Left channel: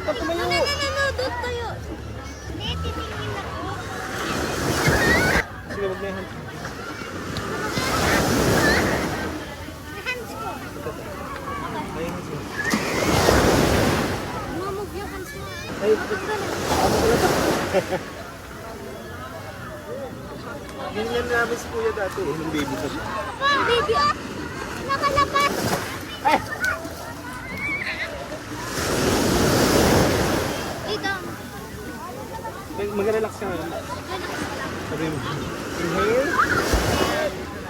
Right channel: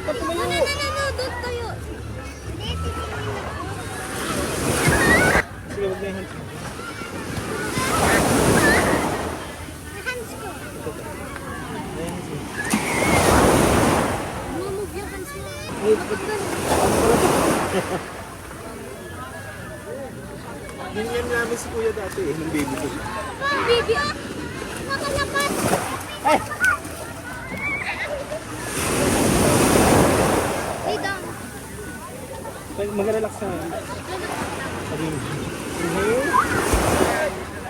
Ikaw tumayo. Doon tayo. Hindi, titingin ako. Sige, wag na yung hands. May hands ko. May hands mo. Move yung hands mo. Ay, ano pala to? Ganyan namin si kuya dati eh, yung baby ko siya. Yung baby, ah! Nakalakas! Ay! Ay, down. Mag-relax ka nga. Sabi mo, inhale.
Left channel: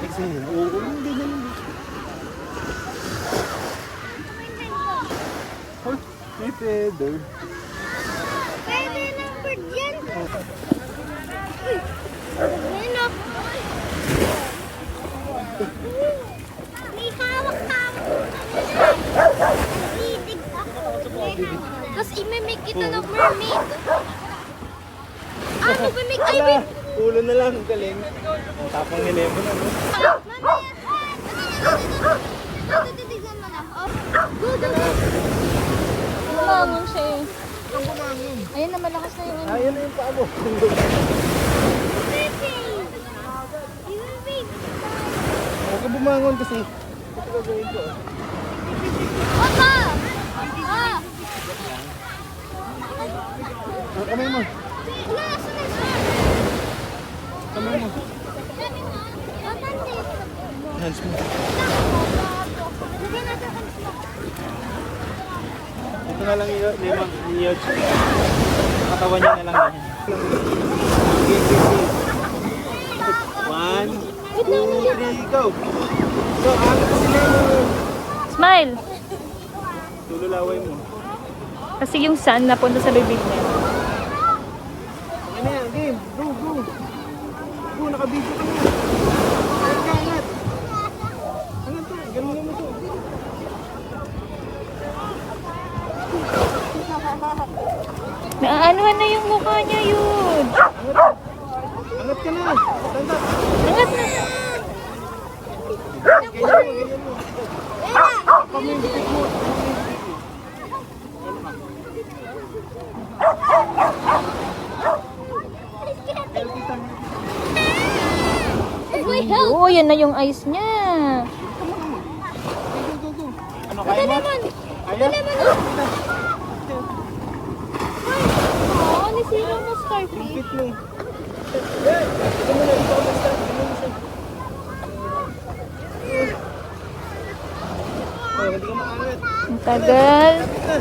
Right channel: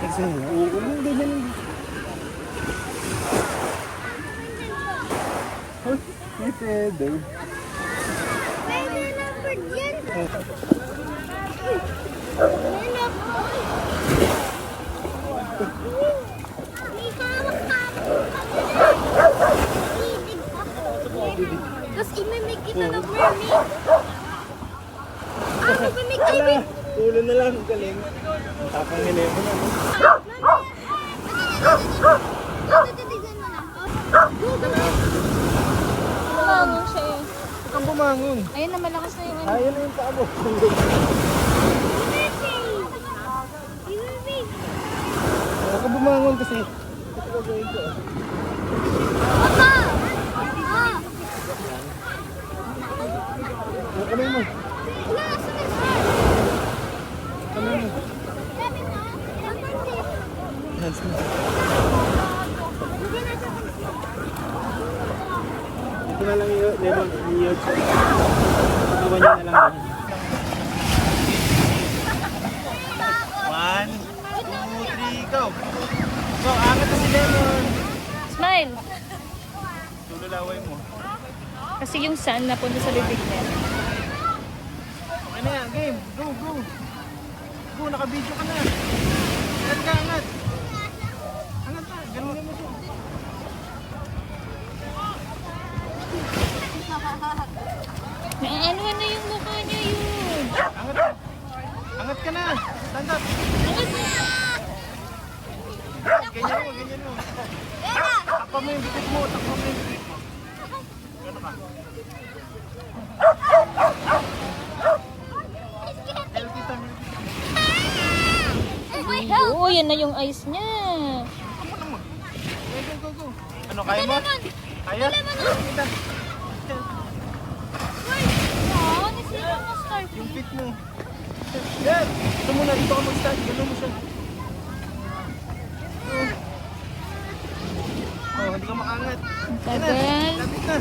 Exhale. Oo, hindi na yun. Oh, may feather. Pwede na po yan. Oh. Ano? May hawak ka ako. Nasidig ako. Tapos imimig kita ng mermaid. Ah, mag-make Wala! Ulo na lang, galing. Ang tapang ni Lemon, ano? Titignan mo na. Go, go, go. Bumangon siya eh. Ang bumangon. Ayun na, malakas na yung ano. Ayun na yung paa mo. Huwag ka bumangon kasi. Ito gagawin ko. Opa! Ano kamay mo? Wala, asa na siya? Kamay mo. Sabi mo, maganda. Hands mo. Lagyan natin ang hands mo. Ito na lang yung Lemon. Yung katawan niya na lang yan. One, two, three, go! So, agad na si Lemon. Smile! Tululaway mo. Kasi yung sun napunta sa lubid. Ano yan? Game. Go, go. Go, naka-video ka na. Angat ka, angat. Angat ka. Ganun naman ito. Naaanuhan na yung mukha niya yun. Angat ka. Angat ka na. Tanda. Angat na. Ganyan mo, ganyan mo. Takpa mo yung bibig mo. Takpa mo yung bibig mo. Ganun ka. Oo, yan na yung eyes niya. Go, go, go. Ano, Ito kaya mo? naman. Kaya? Ito naman. Oo, nisira mo starfish. Fit mo. Yan. Ito mo na. Ito ako mag-start. Ganun mo siya. Oh, hindi ka makangat. Ang tagal. Kapit na.